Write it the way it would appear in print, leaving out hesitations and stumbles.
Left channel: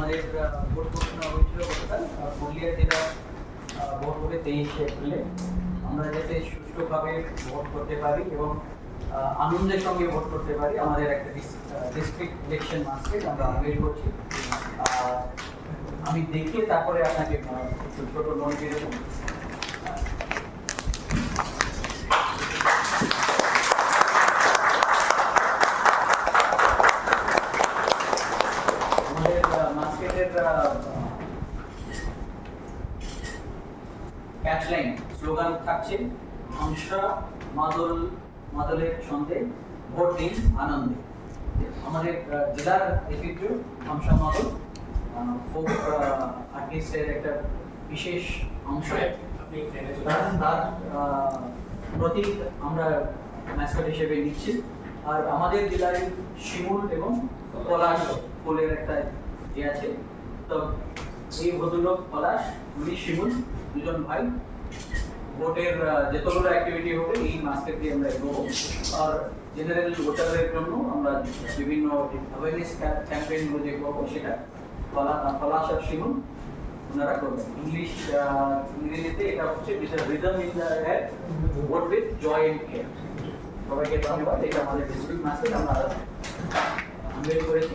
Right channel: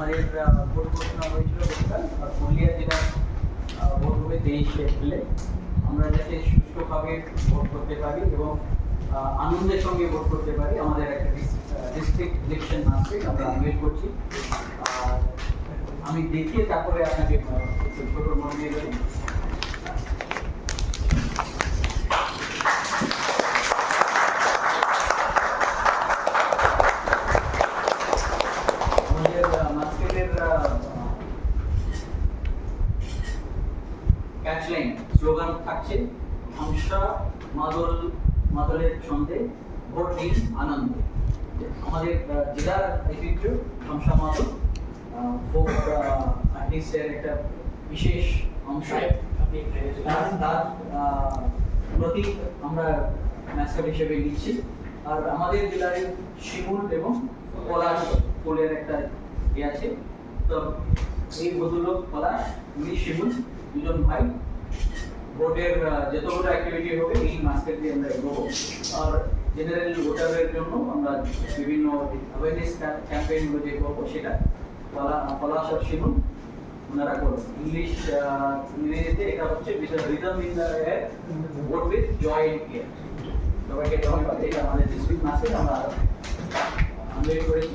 আমাদের ভোট ঘোষণা হয়েছিল গতকাল পুরুলিয়া জেলার ভোট হবে 23 এপ্রিলে। আমরা যাতে সুষ্ঠুভাবে ভোট করতে পারি এবং আনন্দের সঙ্গে ভোট করতে পারি, আমাদের একটা ডিস্ট্রিক্ট ইলেকশন মাস্টার আমরা ওয়েট করছি। আমি দেখিয়ে তারপরে আপনাকে একটু ছোট নোট দিয়ে দেবো। ক্যাচলাইন স্লোগান থাকছে হামসা মাদলের ছন্দে ভোট দিন আনন্দে। আমাদের জেলার ঐতিহ্য হামসা মাদল ফোক আর্টিস্টের একটা বিশেষ অংশ, তার প্রতীক আমরা ম্যাসকট হিসেবে নিচ্ছি। আর আমাদের জেলার শিমুল এবং পলাশ ফুলের একটা ইয়ে আছে। তো এই ভদ্রলোক পলাশ, উনি শিমুল, দুজন ভাই। ভোটের যতগুলো অ্যাক্টিভিটি হবে এই মাস্কেট দিয়ে আমরা এগোবো। আর জেনারেল ভোটারদের জন্য আমরা বিভিন্ন অ্যাওয়ারনেস ক্যাম্পেইনগুলো যে করবো সেটা পলাশ আর শিমুল ওনারা করবেন। ইংরেজিতে এটা হচ্ছে rhythm in the air, vote with joy in air. সবাইকে ধন্যবাদ। এটা আমাদের ডিস্ট্রিক্ট মাস্কেট আমরা করেছি।